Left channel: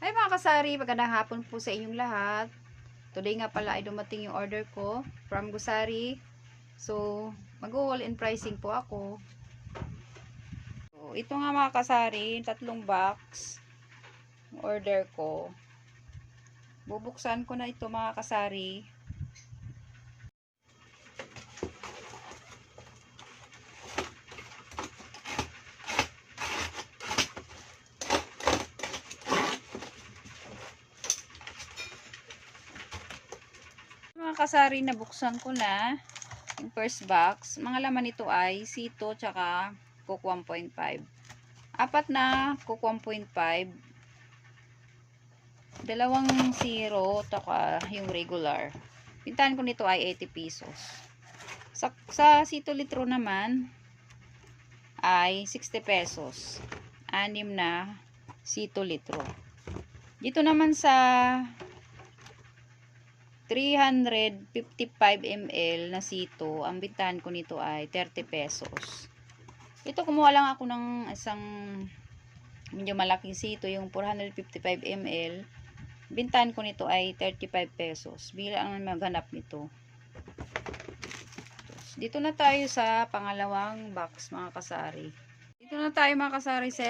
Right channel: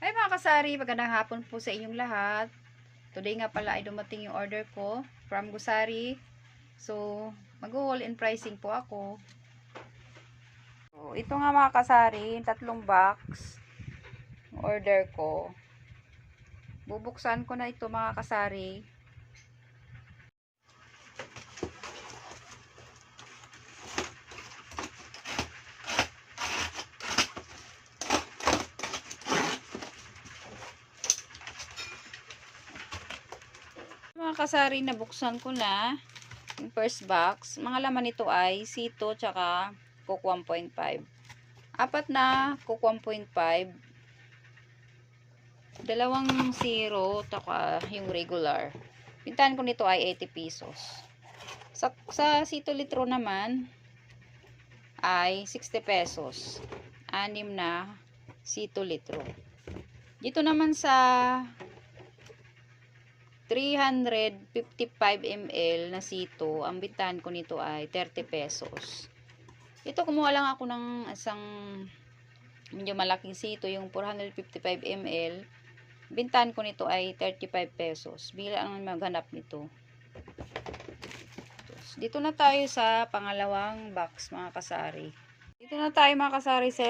Ay mga kasari, magandang hapon po sa inyong lahat. Today nga pala ay dumating yung order ko from Gusari. So, mag-haul and pricing po ako. So, ito nga mga kasari, tatlong box order ko. Bubuksan ko na ito mga kasari. Mga kasari, nabuksan ko na yung first box. Mga laman nito ay sito tsaka Coke 1.5. Apat na Coke 1.5. Dalawang zero tsaka yung regular. Pintahan ko nito ay 80 pesos. Sa sito litro naman ay 60 pesos. 6 na sito litro. Dito naman sa 355 ml na sito, ang bintahan ko nito ay 30 pesos. Ito, kumuha lang ako ng isang medyo malaking sito, yung 455 ml. Bintahan ko nito ay 35 pesos. Bigla ang maghanap nito. Dito na tayo sa pangalawang box mga kasari. Dito na tayo mga kasari sa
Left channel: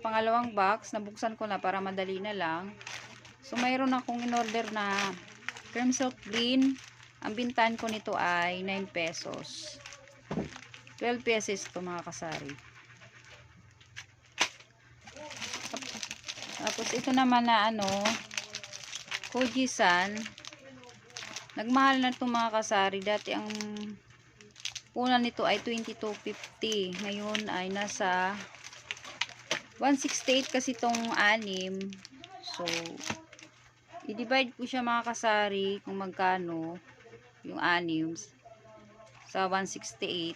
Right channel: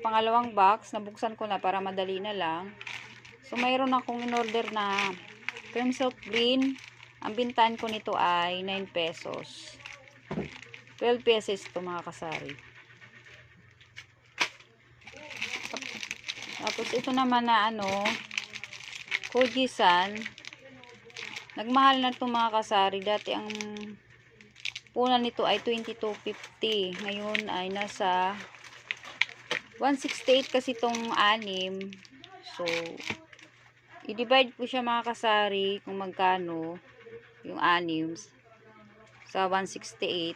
pangalawang box. Nabuksan ko na para madali na lang. So, mayroon akong in-order na cream silk green. Ang bintahan ko nito ay 9 pesos. 12 pesos ito mga kasari. Tapos ito naman na Kojisan. Nagmahal na ito mga kasari. Dati ang punan nito ay 22.50. Ngayon ay nasa 168 kasi itong 6. So, i-divide ko siya mga kasari kung magkano yung 6 sa 168.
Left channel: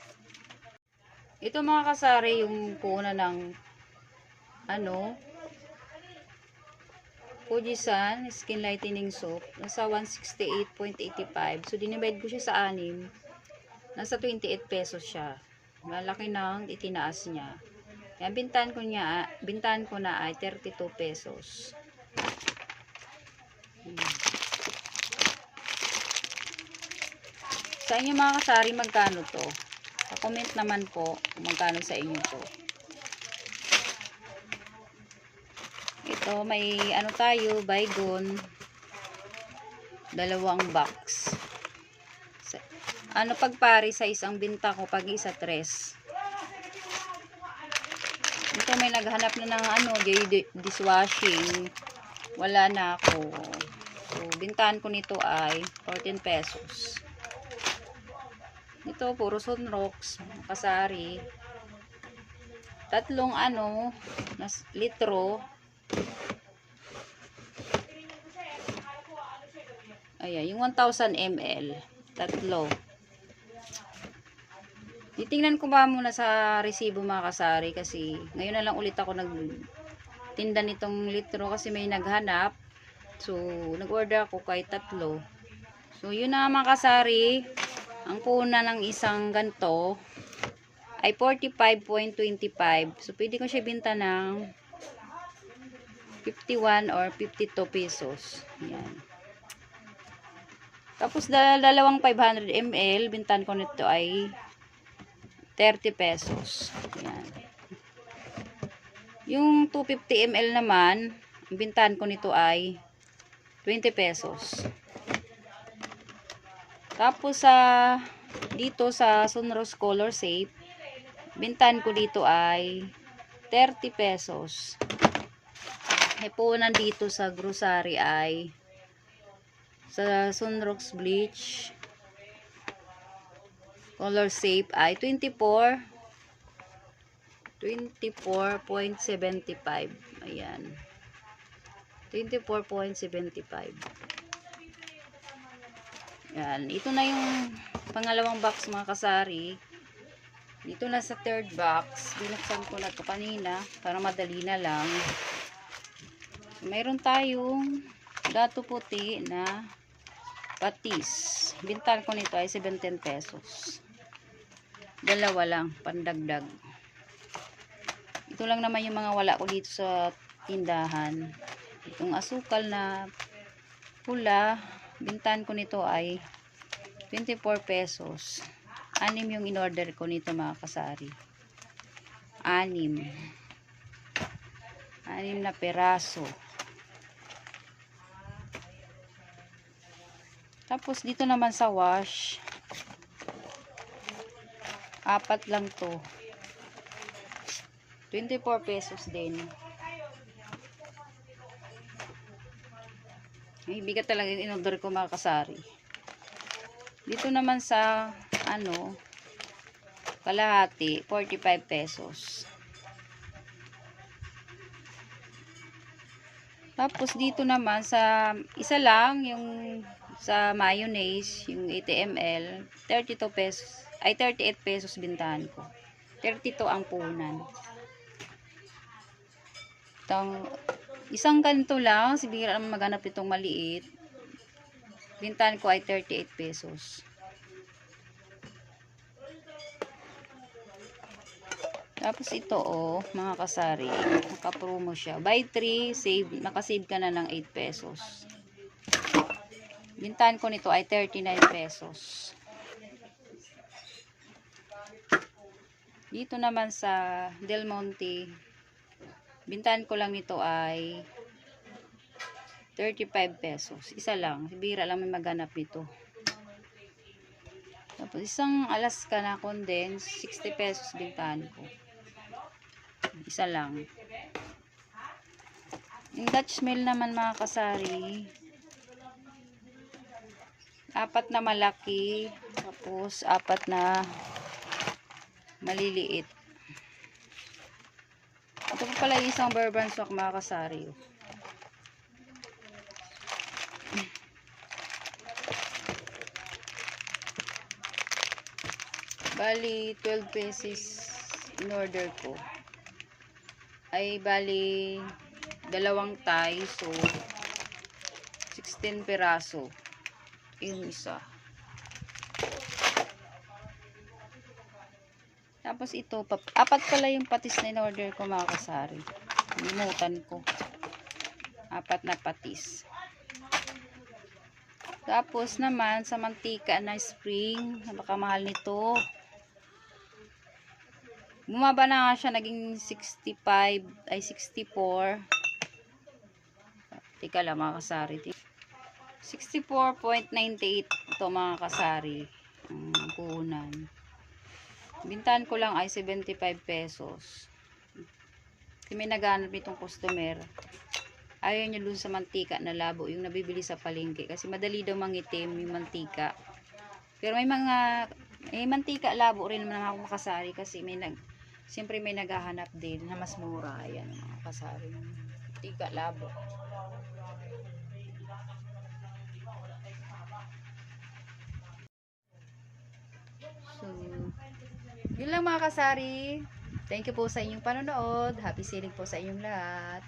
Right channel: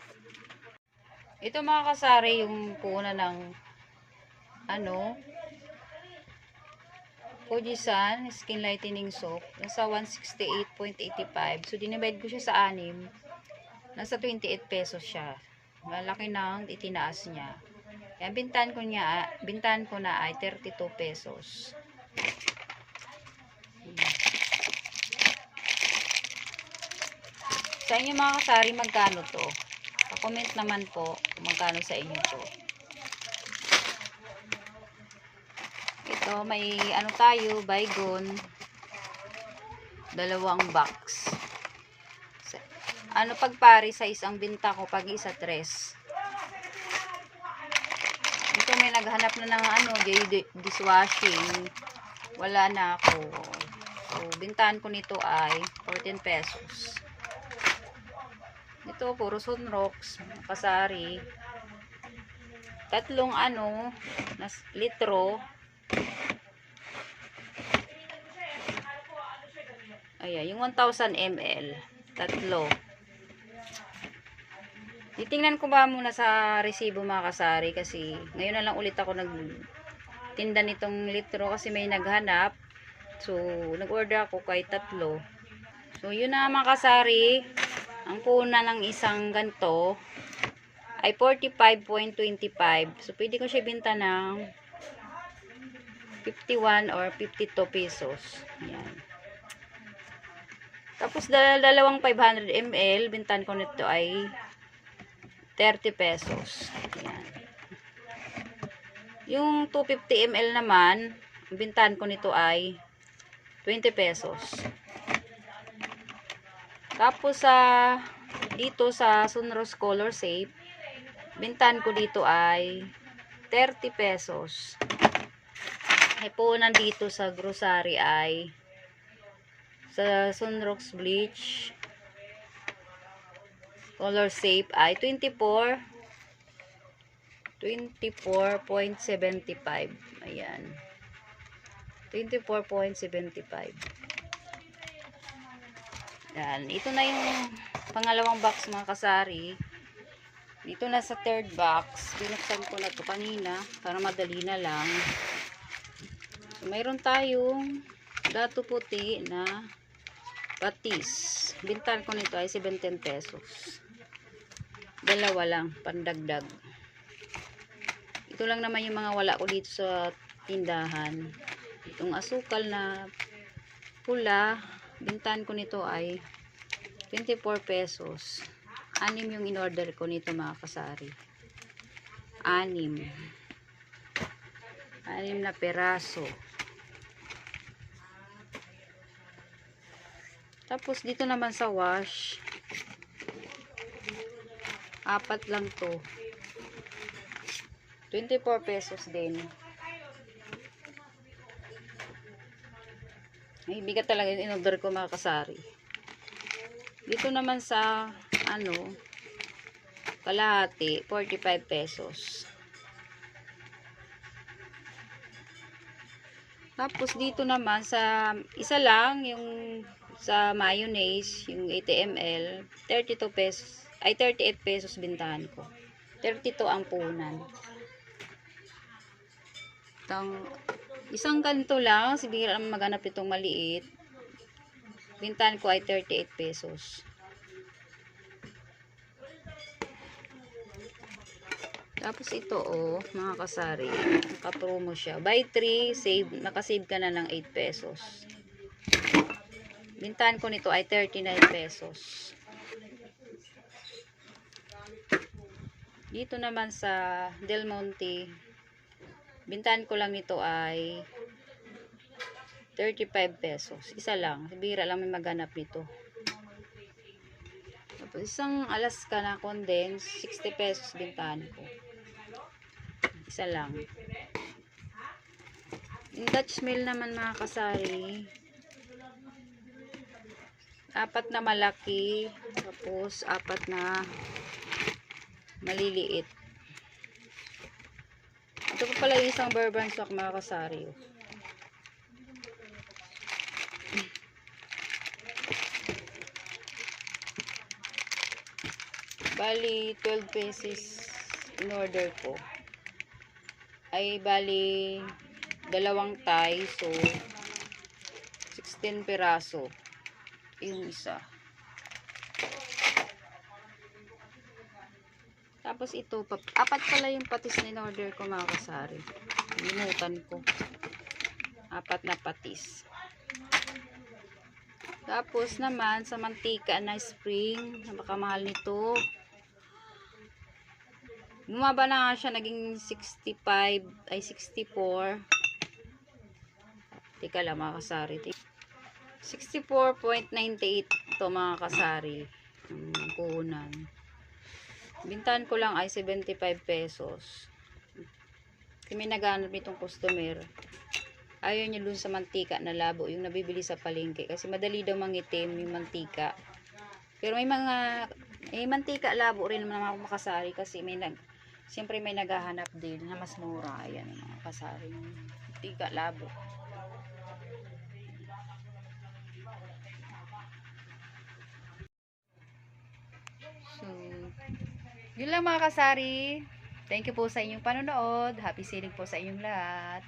Ito mga kasari yung punan ng Kojisan Skin Lightening Soap. Nasa 168.85. So, dinivide ko siya sa 6. Nasa 28 pesos siya. Malaki na itinaas niya. Kaya bintahan ko na ay 32 pesos. Sa inyo mga kasari, magkano to? Pa-comment naman po kung magkano sa inyo to. Ito, may tayo, baygon. Dalawang box. Pagpari sa isang binta ko, pag isa 3. Ito, may naghanap na ng dishwashing. Wala na ako. So, bintahan ko nito ay 14 pesos. Ito, puro Sunrox, kasari. Tatlong litro. Ayan, yung 1000 ml. Tatlo. Titingnan ko ba muna sa resibo mga kasari kasi ngayon na lang ulit ako nagtinda nitong litro kasi may naghanap. So, nag-order ako kay tatlo. So, yun na mga kasari. Ang kuna ng isang ganto ay 45.25. So, pwede ko siya binta ng 51 or 52 pesos. Ayan. Tapos, dalawang 500 ml, bintahan ko nito ay 30 pesos. Ayan. Yung 250 ml naman, bintahan ko nito ay 20 pesos. Tapos dito sa Sunrose Color Safe, bintahan ko dito ay 30 pesos. Ay punan dito sa grocery ay sa Sunrose Bleach Color Safe ay 24.75. Ayan. 24.75. Yan. Ito na yung pangalawang box mga kasari. Dito na sa third box. Binuksan ko na to kanina para madali na lang. So, mayroon tayong dato puti na patis. Bintahan ko nito ay 17 pesos. Dalawa lang, pandagdag. Ito lang naman yung mga wala ko dito sa tindahan. Itong asukal na pula, bintahan ko nito ay 24 pesos. 6 yung in-order ko nito mga kasari. 6 na peraso. Tapos dito naman sa wash, 4 lang to. 24 pesos din. Ay, bigat talaga yung in-order ko mga kasari. Dito naman sa kalahati, 45 pesos. Tapos dito naman sa isa lang, yung sa mayonnaise, yung 80 ml, 32 pesos, ay 38 pesos bintahan ko. 32 ang punan. Isang ganito lang, sibira lang maganap itong maliit. Bintahan ko ay 38 pesos. Tapos ito mga kasari, naka-promo siya. Buy 3, save, nakasave ka na ng 8 pesos. Bintahan ko nito ay 39 pesos. Dito naman sa Del Monte, bintahan ko lang nito ay 35 pesos. Isa lang. Bira lang may maganap nito. Tapos isang Alaska na condense, 60 pesos bintahan ko. Isa lang. Yung Dutch Mill naman mga kasari, 4 na malaki, tapos 4 na maliliit. Ito pa pala yung isang bourbon stock mga kasari. Bali 12 pesos in order ko. Ay bali dalawang Thai, so 16 piraso yung isa. Tapos ito, 4 pala yung patis na in-order ko mga kasari. Limutan ko. 4 na patis. Tapos naman sa mantika na spring, napakamahal nito. Bumaba na nga siya, naging 65, ay 64. Tika lang mga kasari. 64.98 ito mga kasari. Puhunan. Bintahan ko lang ay 75 pesos. Kasi may naghanap nitong customer. Ayaw niya dun sa mantika na labo, yung nabibili sa palengke. Kasi madali daw mangitim yung mantika. Pero may mantika labo rin naman ako makasari. Kasi siyempre may naghahanap din na mas mura. Ayan mga kasari. Mantika labo. So, yun lang mga kasari. Thank you po sa inyong panonood. Happy selling po sa inyong lahat.